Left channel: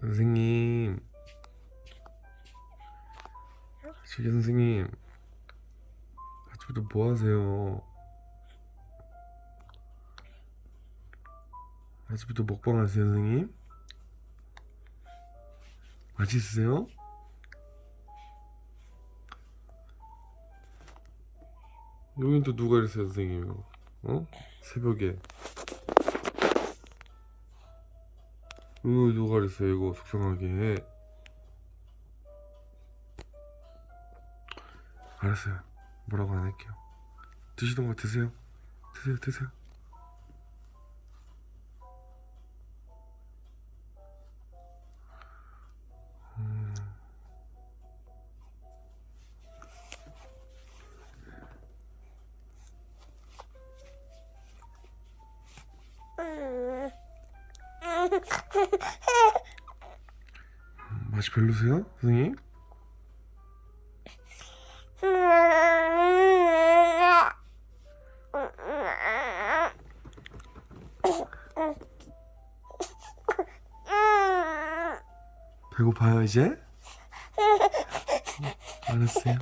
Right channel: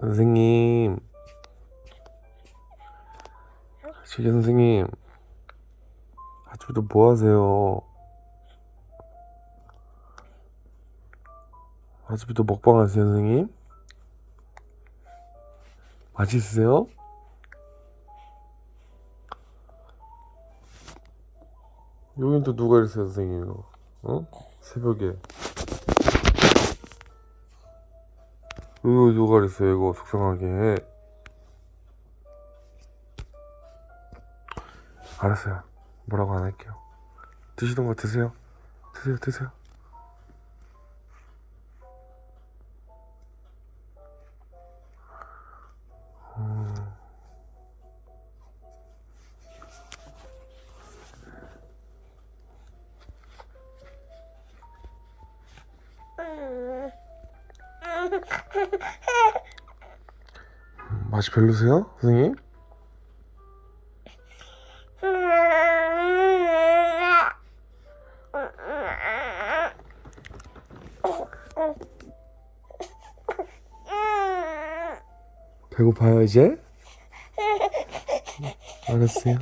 선생님. 저기 선생님. 아침부터 뭐 하세요? 아침부터 먹방 하세요, 선생님? 맛있으세요? 여긴 또 누가 이랬어요, 선생님, 이거? 어? 새벽에. 이거 누가 그랬어요, 이거 속상하게. 알았어요. 뭐라고 안 할게요. 드시던 거 드세요. 드세요, 드세요. 음. 맛이 별로세요, 선생님? 배고파요, 이제? 알았어요.